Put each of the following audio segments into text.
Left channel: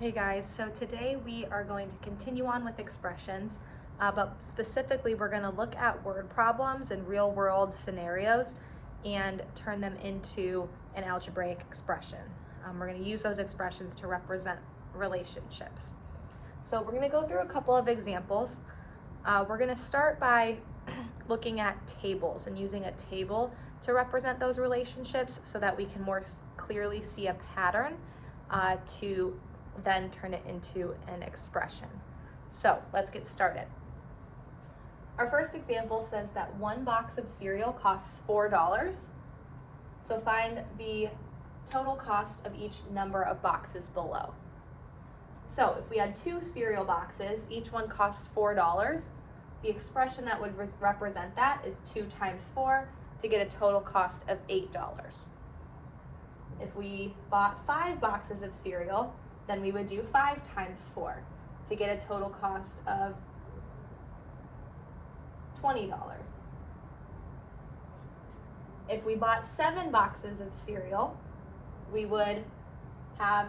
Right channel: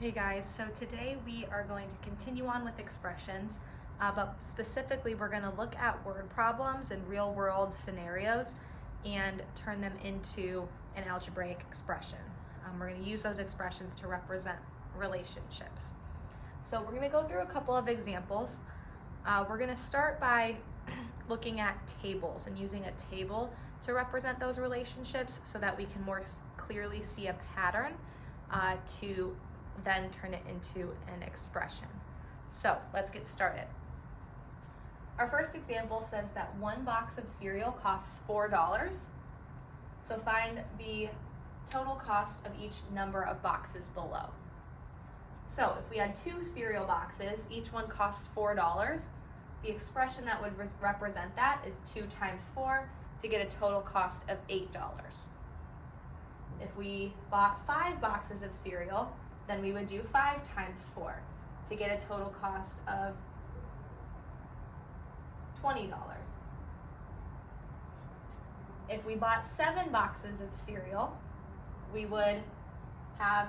Hey guys, so today we are going to continue on with expressions, but specifically we're going to look at word problems and real world scenarios and turn them into an algebraic expression. We're going to use those expressions to represent relationships. So we're going to go through a couple of examples. We're going to start by looking at tables and using a table to represent those relationships so that we can more clearly see a pattern to then turn it into an expression. So let's get started. Our first example says that one box of cereal costs $4. So find the total cost of each number of boxes below. So if we had two cereal boxes, each one costs $4, the expression that would represent that is 2 times 4 to get a total cost of $8. If we bought 5 boxes of cereal, then we would do 5 times 4 to get a total cost of $20. If we bought 7 boxes of cereal, we would have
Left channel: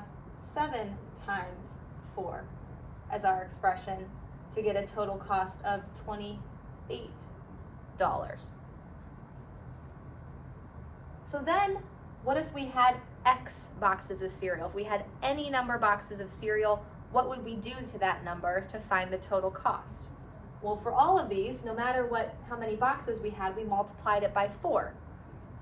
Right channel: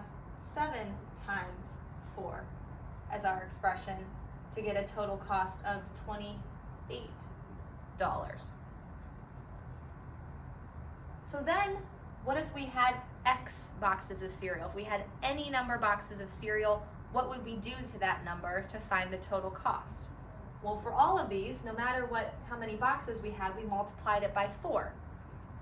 7 times 4 as our expression to get a total cost of $28. So then, what if we had X boxes of cereal? If we had any number of boxes of cereal, what would we do to that number to find the total cost? Well, for all of these, no matter how many boxes we had, we multiplied it by 4.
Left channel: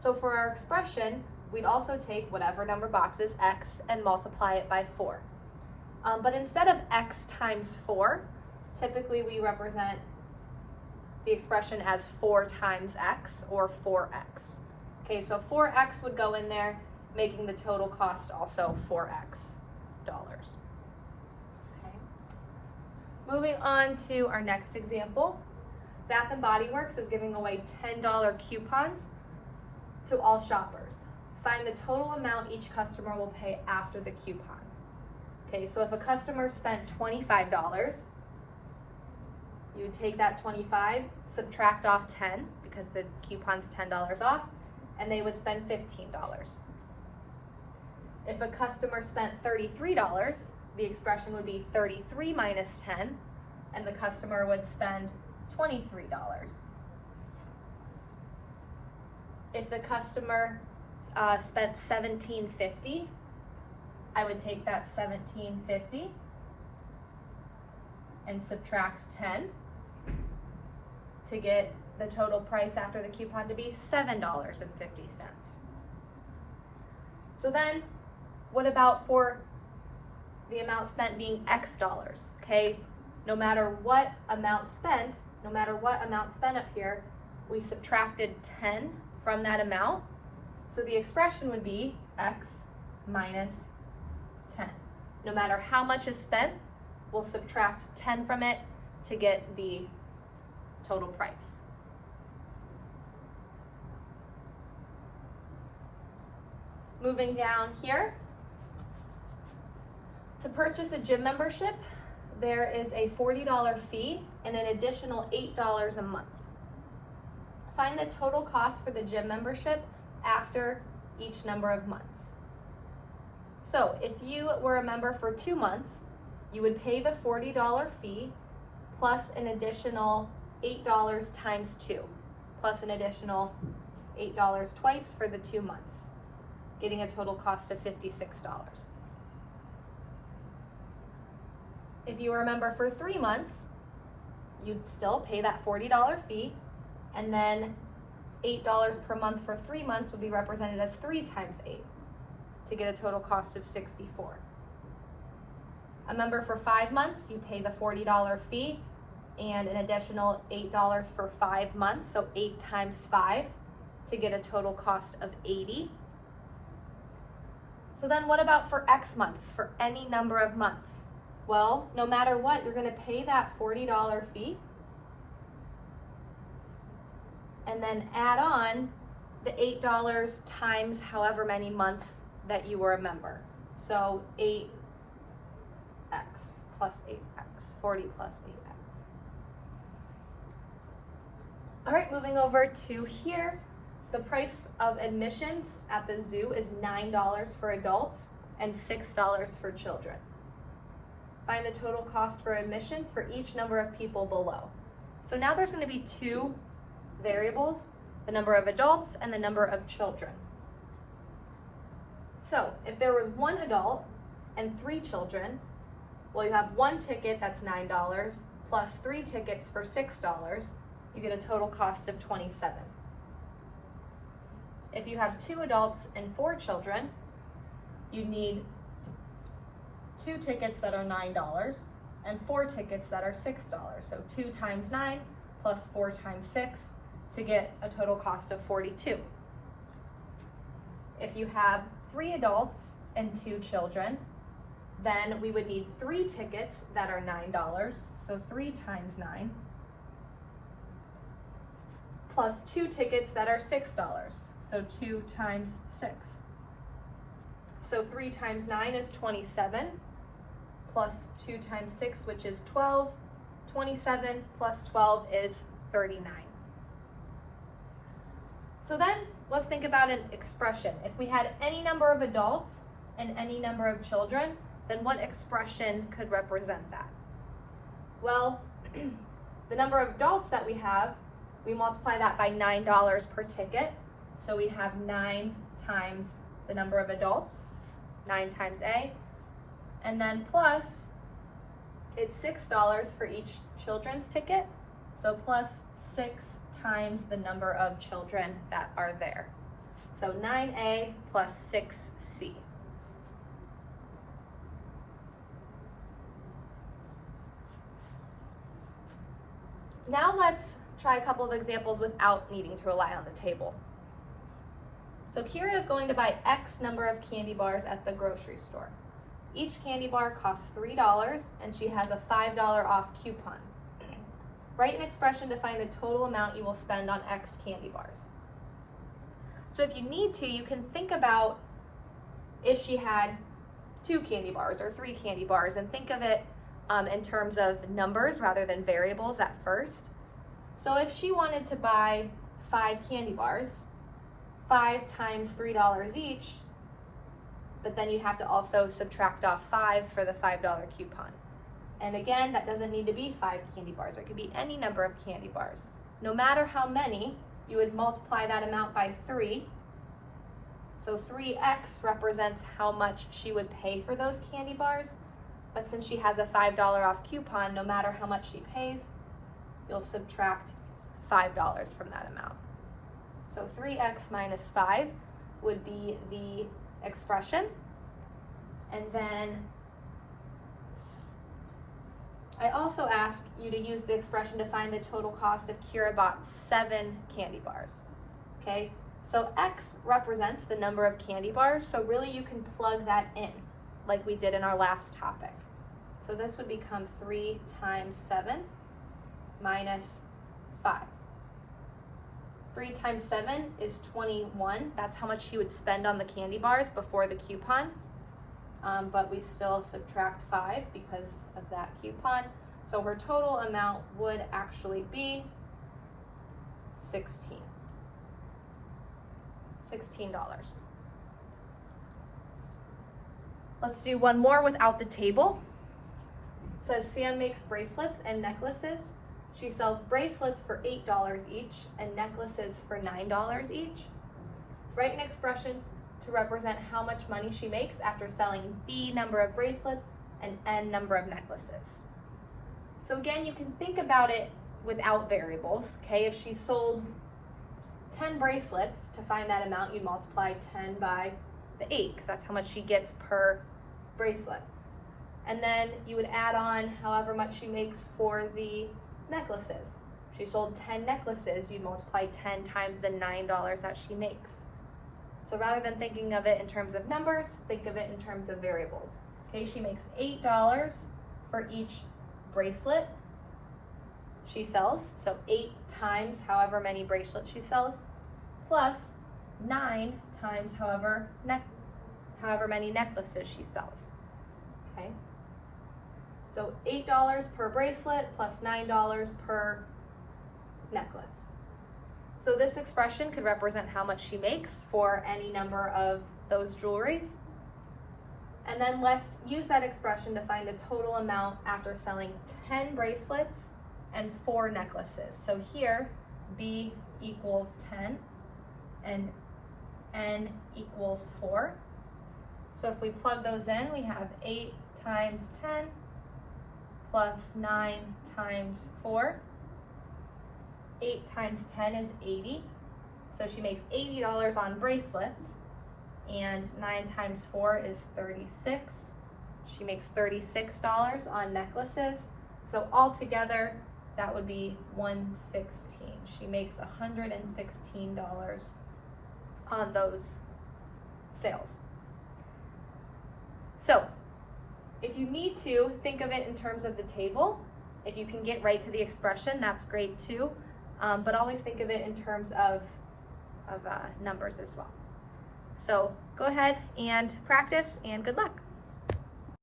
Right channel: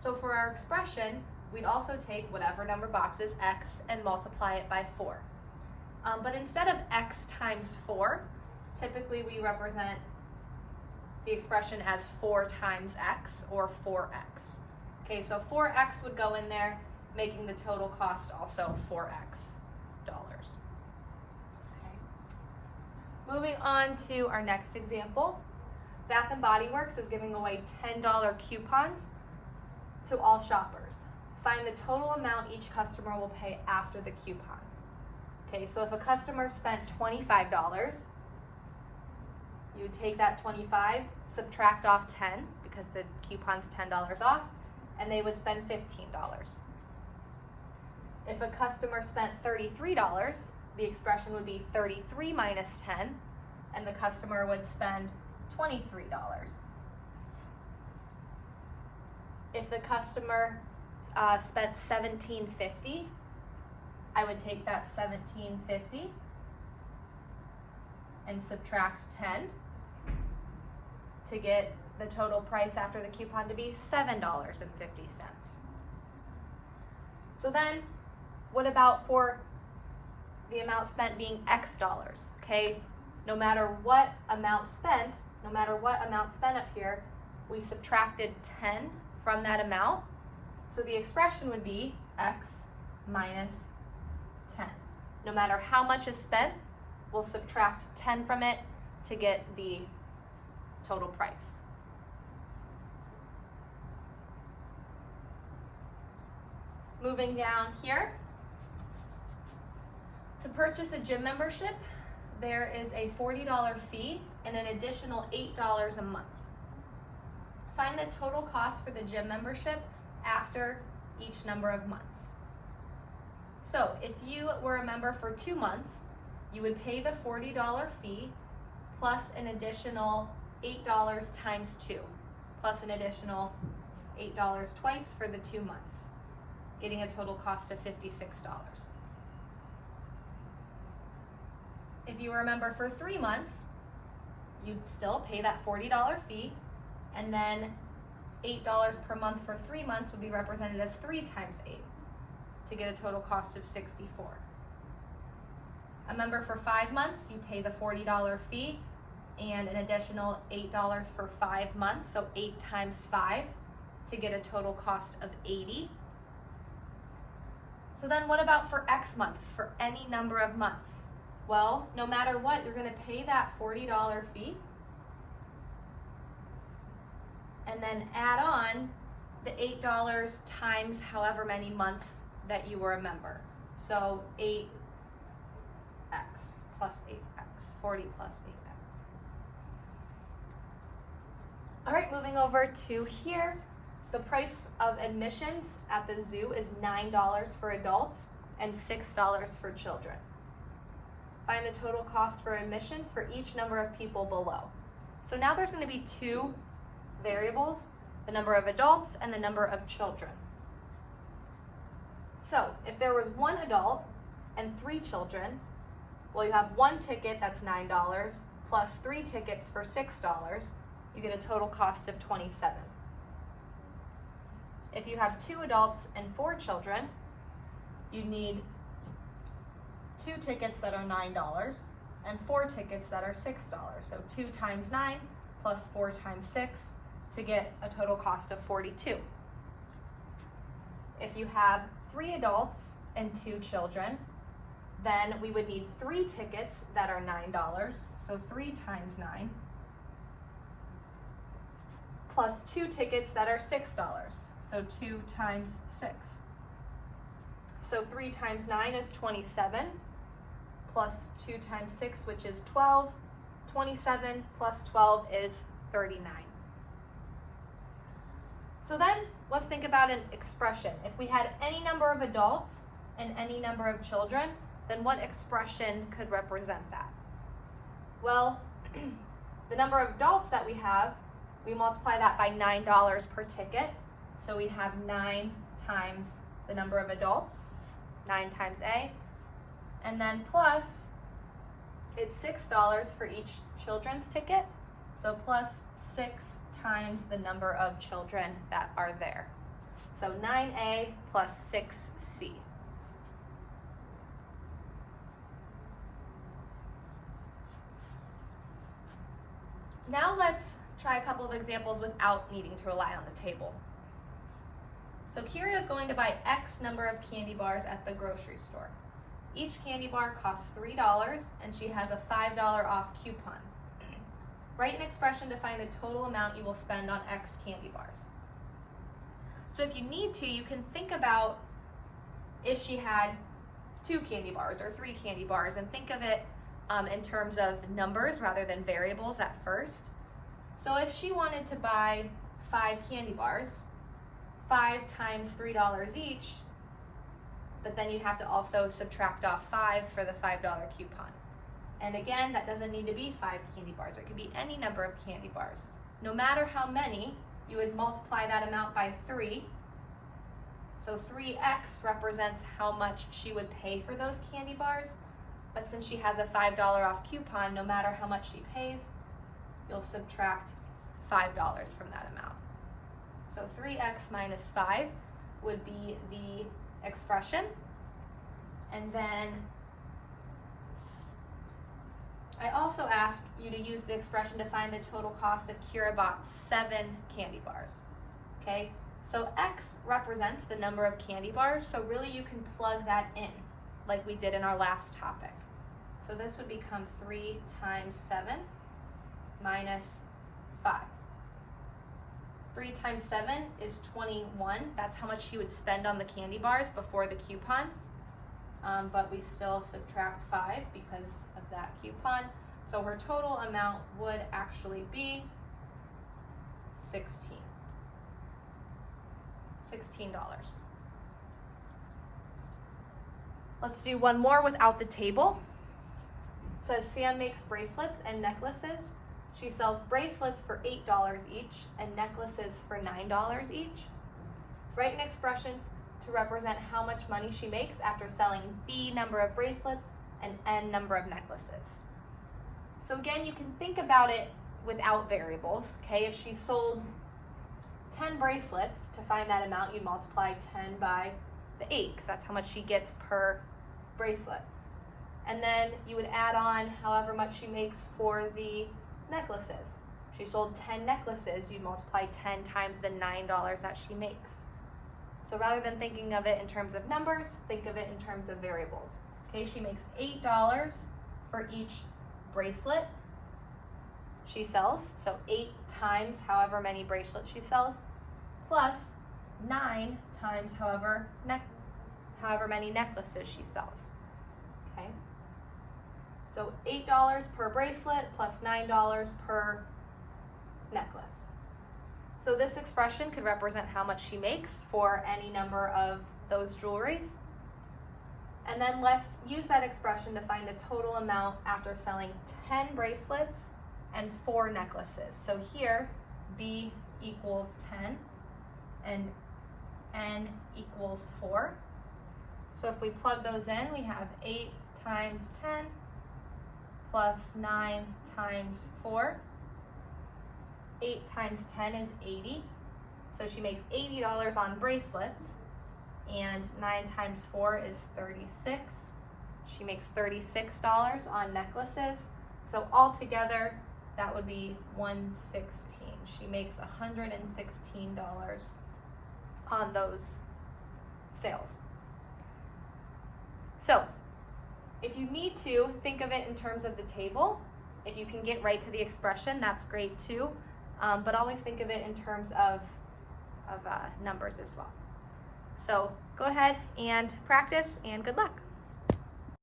So for our expression, we'd also take whatever number of boxes, X, and multiply it by 4. But instead of X times 4, typically we represent the expression as 4 times X or 4X. Okay, so 4X would go in there, making the total cost also $4X. Okay. Moving on to our next example. Bath & Body Works is giving away $10 coupons to all shoppers. Find the total amount each customer will pay after the coupon. Okay, so if a customer spent $25, you take that 25, subtract off 10 because the coupon's $10 off, and they would spend $15. If a customer spent $33, the expression would be 33 minus 10, and the customer would spend $23. If the customer spent $17.50, I would take that $17.50 and subtract 10 to get the total price after the coupon to be $7.50. So then, what about for the amount spent being X dollars? Okay, no matter what amount spent up here, we subtracted 10 from that amount. So the expression would be X minus 10. No matter how much is spent, we'll subtract 10 from it to get the total price. Moving down here, to purchase a gym membership, there is a $40 fee and an additional $8 a month. Find the total cost for the gym membership after each number of months. So if you were a member for 2 months, you would pay the $40 fee plus an additional $8 times 2, plus an additional $8 twice for the 2 months, getting a total cost of $56. If you were a member for 3 months, you'd still pay that $40 fee, and then $8 per month for 3 months would be represented as 3 times 8 to get a total cost of $64. A member for 5 months, you pay the $40 fee and an additional $8 for 5 months, so 8 times 5 to get a total cost of $80. So then what about for X months, for any number of months? Well, no matter what, you're going to pay that $40 fee and then add on the $8 times however many months that you were a member. So 8x plus 8x, 40 plus 8x. All right, moving over to here. The price of admissions at the zoo is $9 for adults and $6 for children. find the total cost for admissions for each number of people below. So now there's going to be two variables, the number of adults and the number of children. So if there was one adult and 3 children, well, you have one ticket that's $9 plus 3 tickets for $6, you get a total cost of $27. If you have 2 adults and 4 children, you need 2 tickets that are $9 and 4 tickets that are $6. So 2 times 9 plus 4 times 6 to get a total cost of $42. If you have 3 adults and 2 children, then we would need 3 tickets that are $9, so 3 times 9, plus 2 tickets that are $6, so 2 times 6. So 3 times 9 is 27, plus 2 times 6, which is 12. 27 plus 12 is 39. So then let's think about an expression. If we had any number of adults and any number of children, then what expression could represent that? Well, the number of adults that we have, we multiply that by $9 per ticket. So we have 9 times the number of adults, 9 times A, and then plus, it's $6 for each children's ticket, so plus 6 times the number of children that are there. So 9A plus 6C. Now let's try a couple of examples without needing to rely on the table. So Kira is going to buy X number of candy bars at the grocery store. Each candy bar costs $3 and she has a $5 off coupon. Write an expression to find the total amount you will spend on X candy bars. So if you need to, you can think about if she had 2 candy bars or 3 candy bars and think of it in terms of numbers rather than variables at first. So if she wanted to buy 5 candy bars, 5 times $3 each, but then you have to also subtract off 5 for the $5 coupon. And again, that doesn't need to be 5 candy bars. It could be any number of candy bars. No matter how many, you would multiply that amount by 3. So 3x represents how much she would pay for those candy bars. But since she has a $5 off coupon, no matter how much she pays, you'll subtract $5 from that amount. So 3x minus 5 would be the expression. And then I also asked you to use the expression to find the total cost if Kira bought 7 candy bars. Okay, so x represents the number of candy bars, so really you can plug that in like we did in our last topic. So this would become 3 times 7 minus 5. 3 times 7 is 21. That's how much she would spend on the candy bars before the coupon. But we still subtract 5 because of that coupon. So her total amount would actually be $16. Let's do one more without the table. It says Sam makes bracelets and necklaces. She sells bracelets for $8 each and necklaces for $9 each. Write an expression to represent how much money she makes after selling B number of bracelets and N number of necklaces. So again, you can think about it without variables, okay? If she sold 10 bracelets, to find that amount, you'd multiply 10 by the 8, because that's how much she gets per bracelet. And then you would add on however much she makes for the necklaces. If she sold 10 necklaces, you'd multiply 10 times the $9 that she makes. So rather than thinking of it in terms of numbers, think of it in terms of variables. Okay, she makes $8 for each bracelet she sells, so 8 times however many bracelets she sells, plus 9 times however many necklaces she sells. Okay, so $8 per bracelet plus $9 per necklace. So this expression could represent how much she makes for any number of those jewelries. And then let's use that expression to find the total amount after selling 10 bracelets and 4 necklaces. So here, B equals 10 and N equals 4. So if we plug those in, we have 8 times 10 plus 9 times 4. 8 times 10 is 80. So she makes $80 on bracelets, and 9 times 4 is 36. She makes $36 on necklaces. So altogether, that would be $116. She makes $116 on those sales. So if you need to, think of it in terms of the table. If you can get right to the expression, that's great too. But always think of it in terms of numbers as well. So go ahead and practice, and good luck.